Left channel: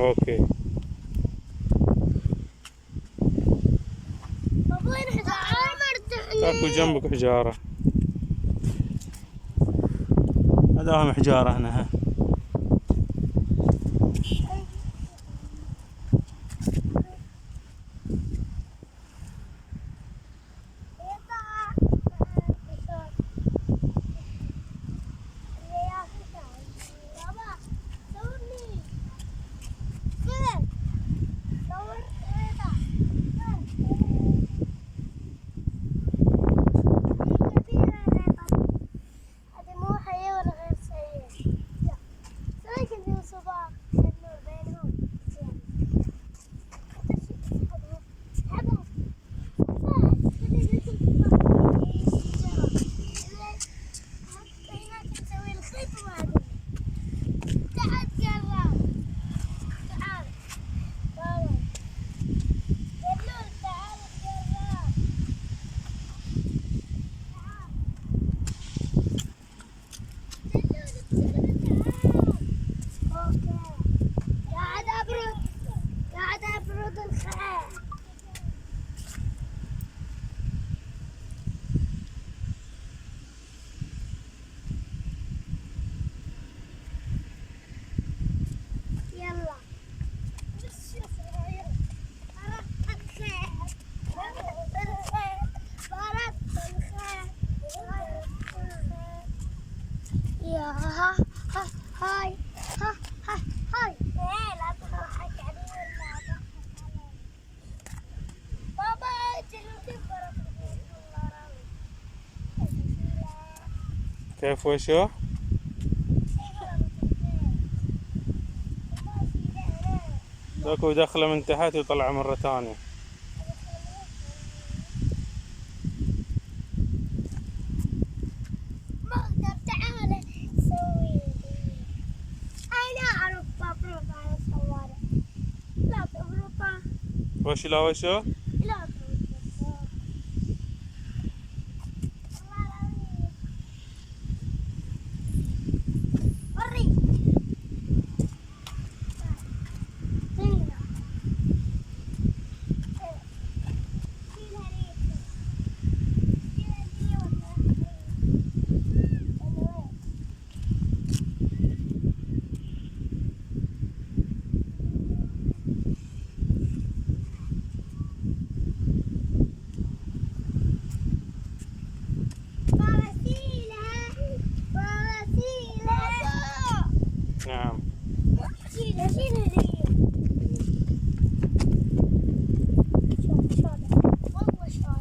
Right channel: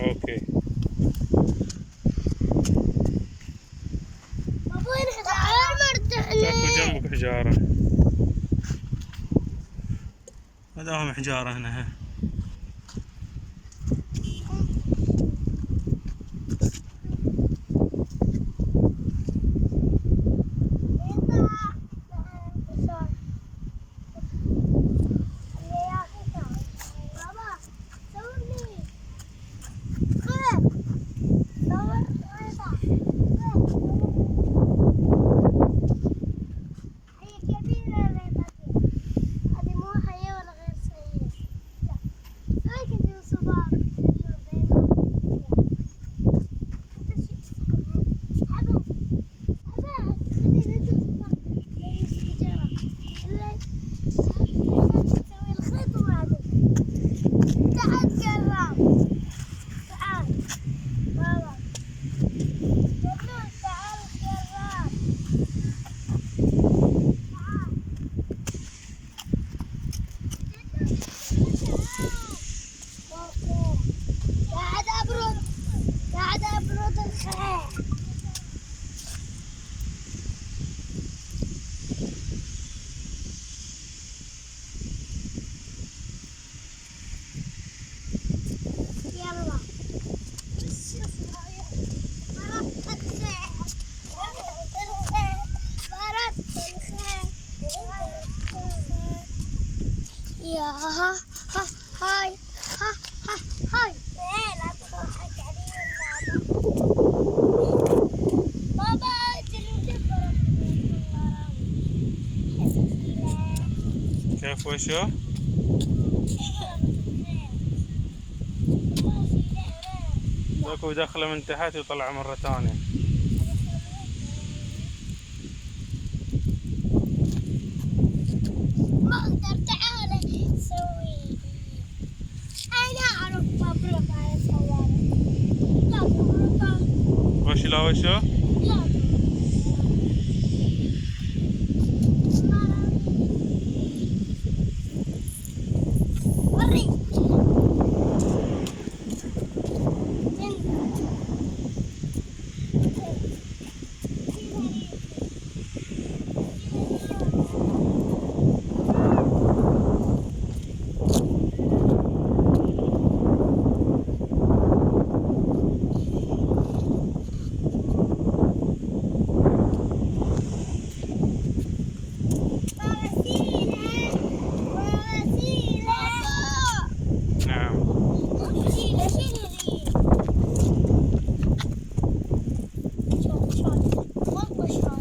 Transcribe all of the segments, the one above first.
اوكي. وين حجارة؟ اكو جنبك حجارة. هذا هم حجارة هنا. قاعد أبرد الخيل. يلا بس يا صغير بردت الخيل بردت الخيل يا ها ها هاي ها ها هاي. لا تضحك علي بابا كيف وشو؟ اكو دخله من تحت يطلع مرة ثانية. ما اقدر. تعال سوي. انا اعرف ابرد على الصواريخ. لا تبرطها. وش لا وشو؟ لا وريك. نعم. شوف والله شوف.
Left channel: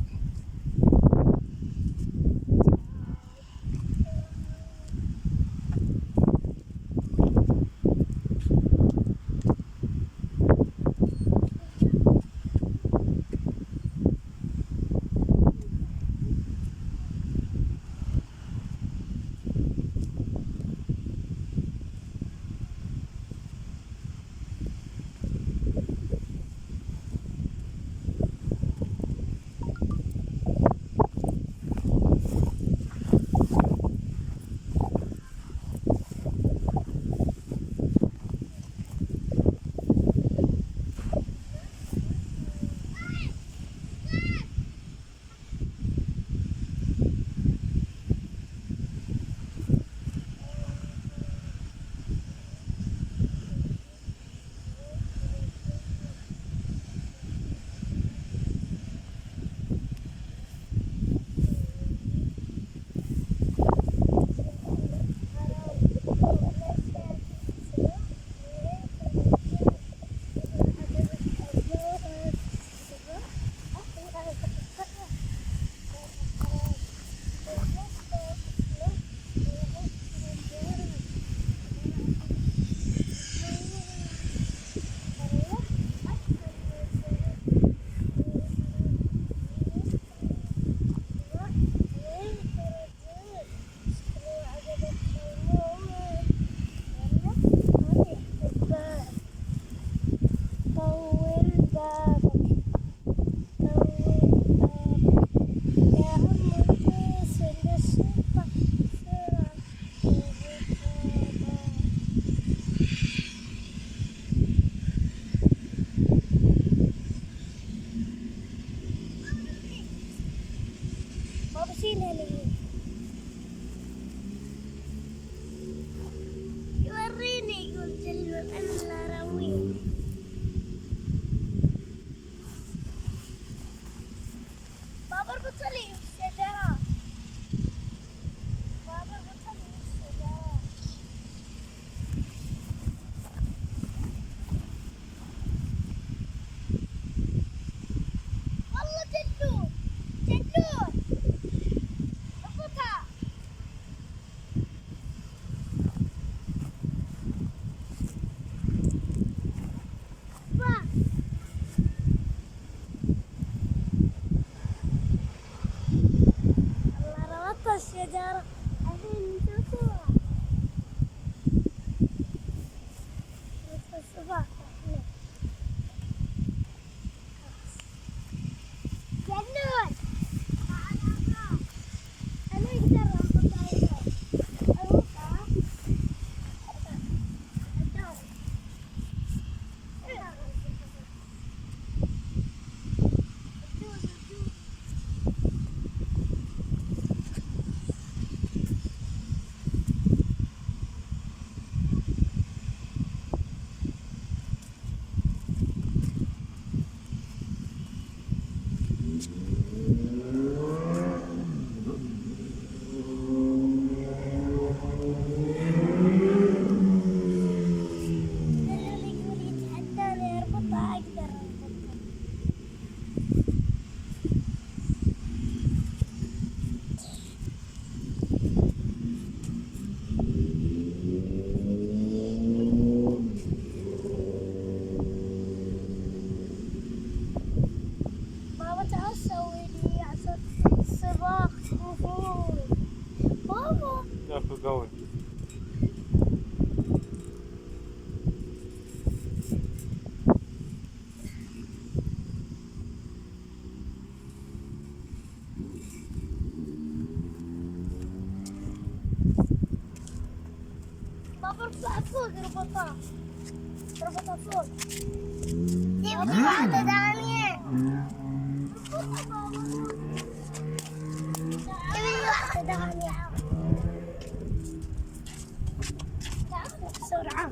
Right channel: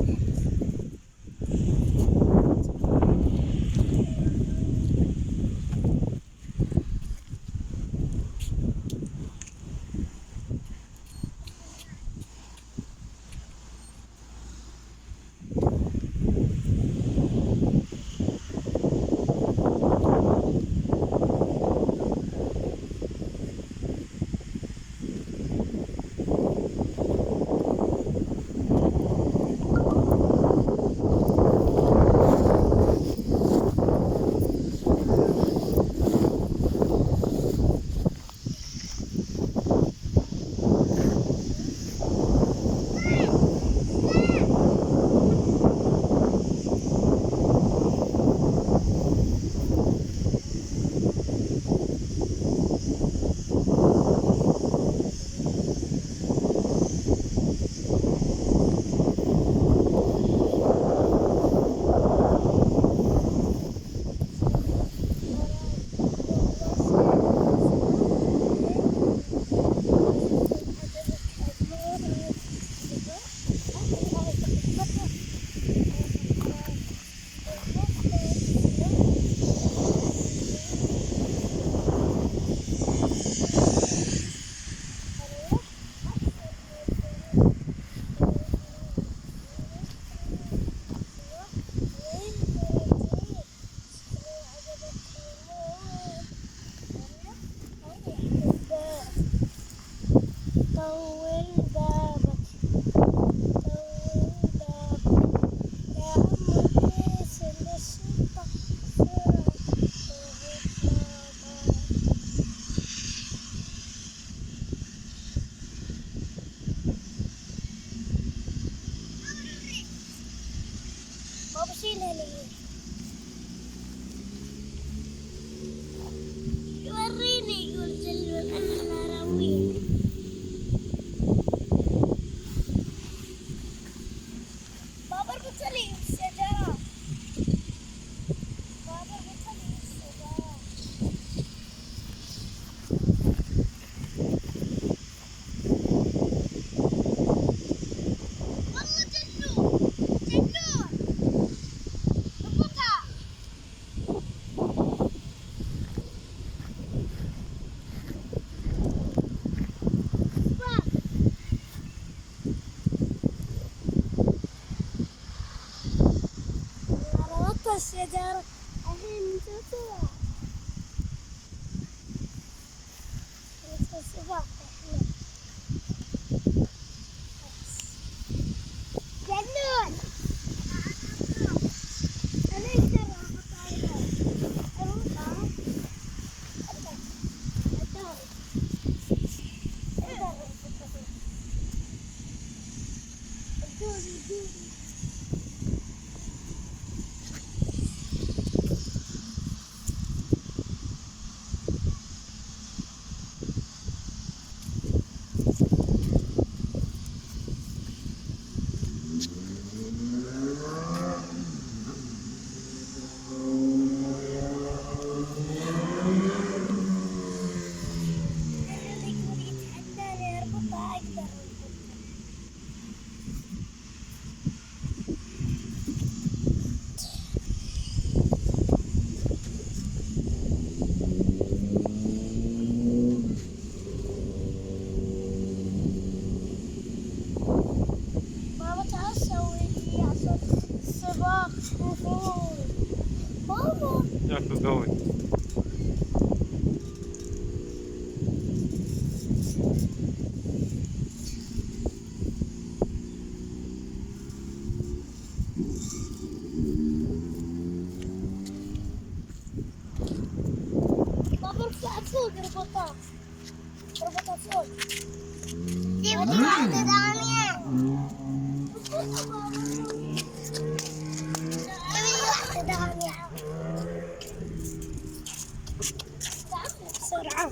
شيلها لي. يوريني يقول جلو أنا رويه. بابا اربط لي الشجرة. بابا اربط لي الشجرة. والله جلو جلو اربطها. والله ربطت الشجرة الحين نشوفها. ربطت الصباح احنا. جنون. أنا أقدر أربطها هنا. أربطها. بابا تعال سوي لي عشان السباق وفوق. بابا ياكل قوي. بابا ارفع فوق ربطها. ربطها فوق. جيب واحدة ثانية. جيب واحدة ثانية. بسرعة.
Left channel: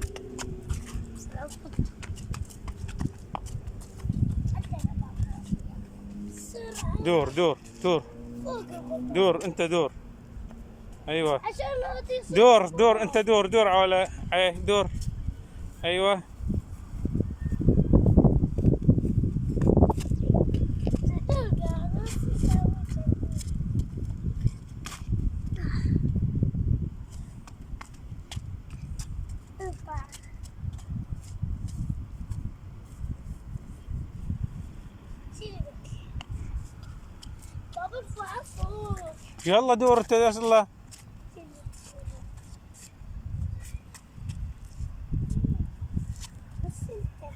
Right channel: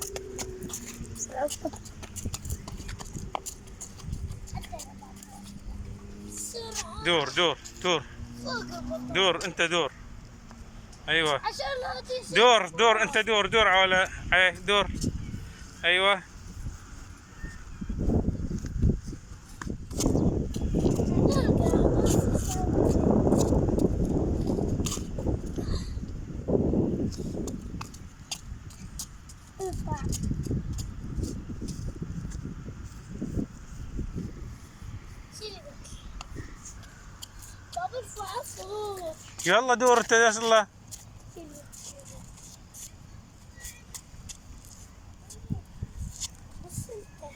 بسرعة. دور دور دور فوق ربطها. دور انت دور. ايوه عشان لا تنسى. دور دور انت دور دور على دور. ايوه بابا ارفع فوق. يلا دور انت يلا. بس انت.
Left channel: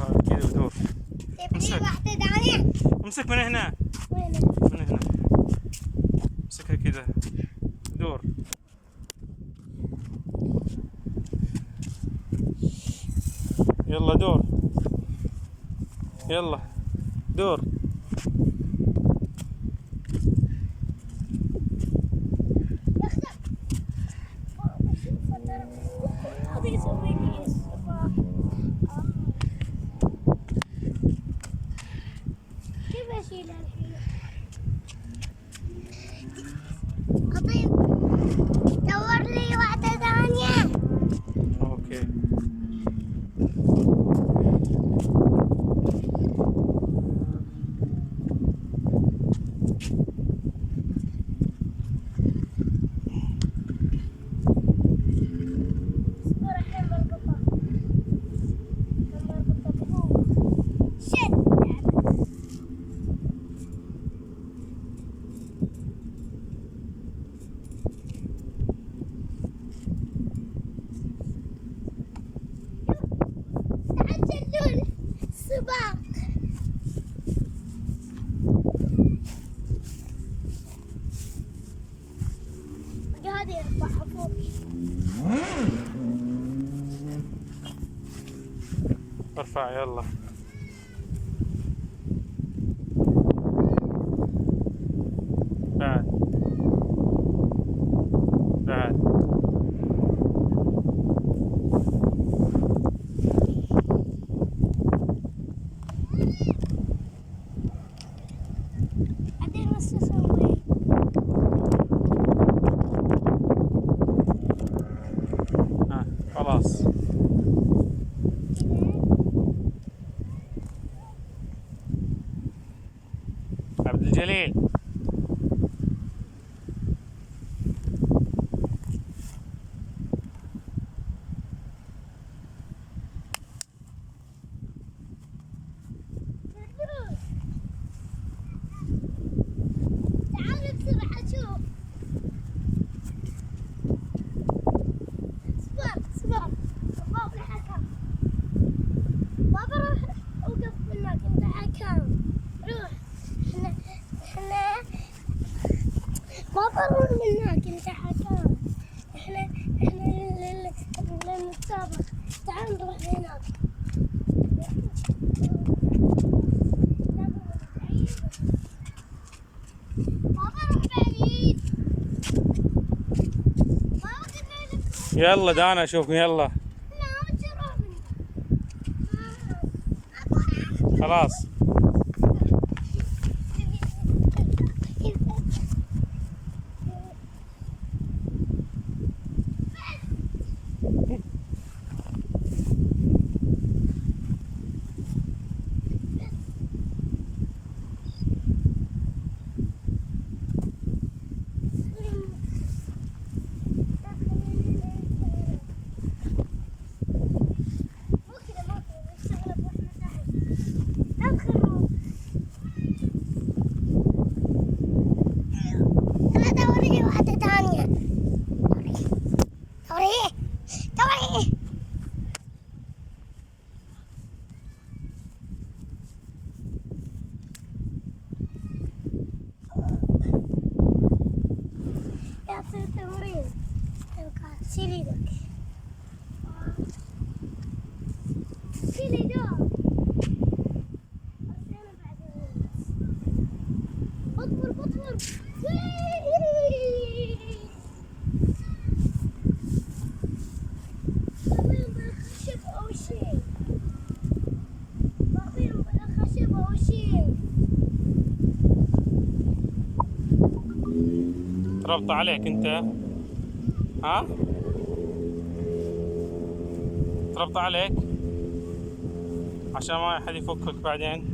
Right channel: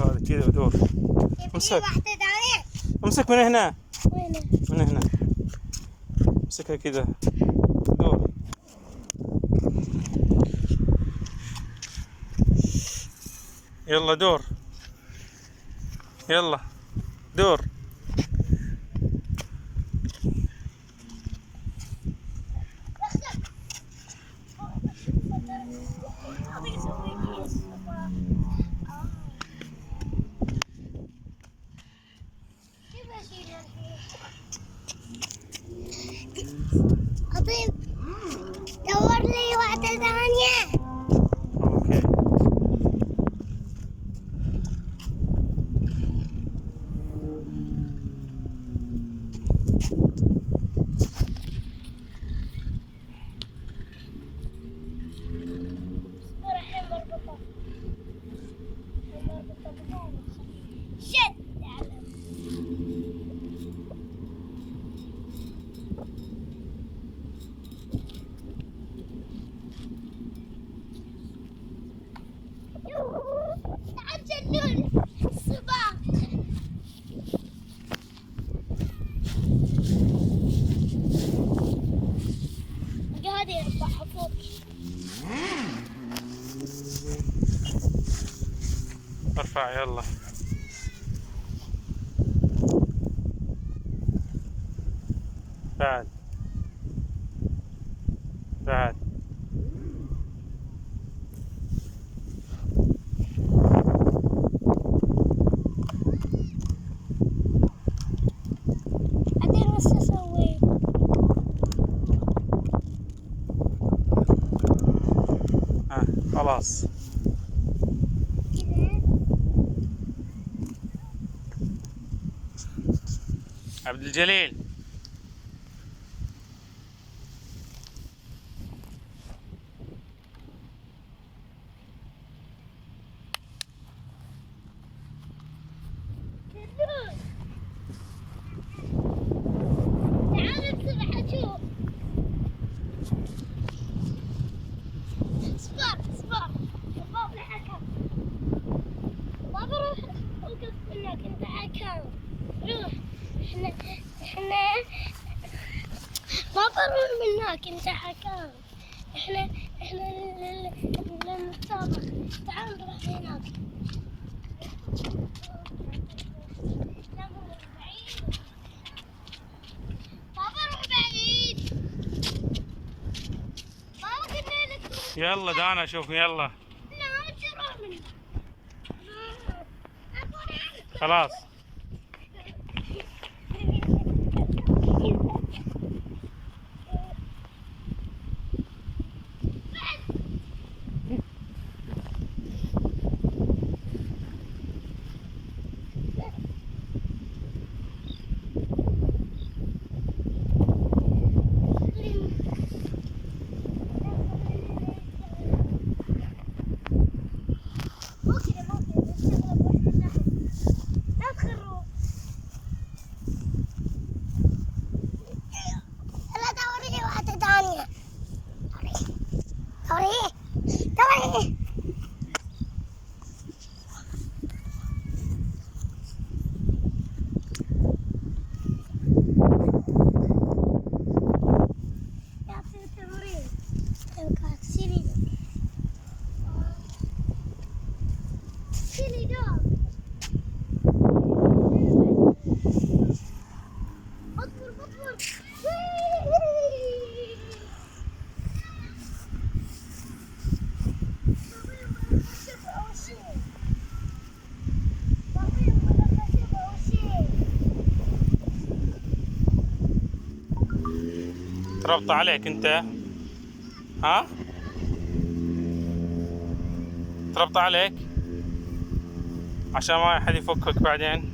عليك هذا كذا ودور. امسك واحدة ثانية. امسك من هنا. وين؟ من هنا. امسكها كذا. دور. يلا دور. يلا دور. أبي أسوي لي كيف أشيلها الحين؟ أطيب دور لي واحدة ثانية. اوكي. الحين مربطة بقوة. شد تعجلون السباق. هذه يرفعها فوق. ارفع يلا. بعد. بعد. بعدين وش أسوي؟ خلاص. كذا. عبدالجليل. تعال بسرعة شوف. اصبر الباب الحكم. ما بروح اوقف منك انت حكم. روح. احنا ما بروح منك انت حكم. احنا نتسابق. تعال نروح هناك. لا مو بعيد. ما بروح بعيد. ما قلنا لك. يلا دانا اشوف يلا. لا تروح منك. خلاص. مو كذا نشتغل بروحنا تحت. لا تخروا. لا دوري واحدة ثانية. دوري. يا تصير تمرين. شيلي لك. شيلي دور. اطفر. خشب أو شيء. خشب أو شيء. تربط عليك انت. ها؟ تربط عليك عشان ما حد يفكك بعدين.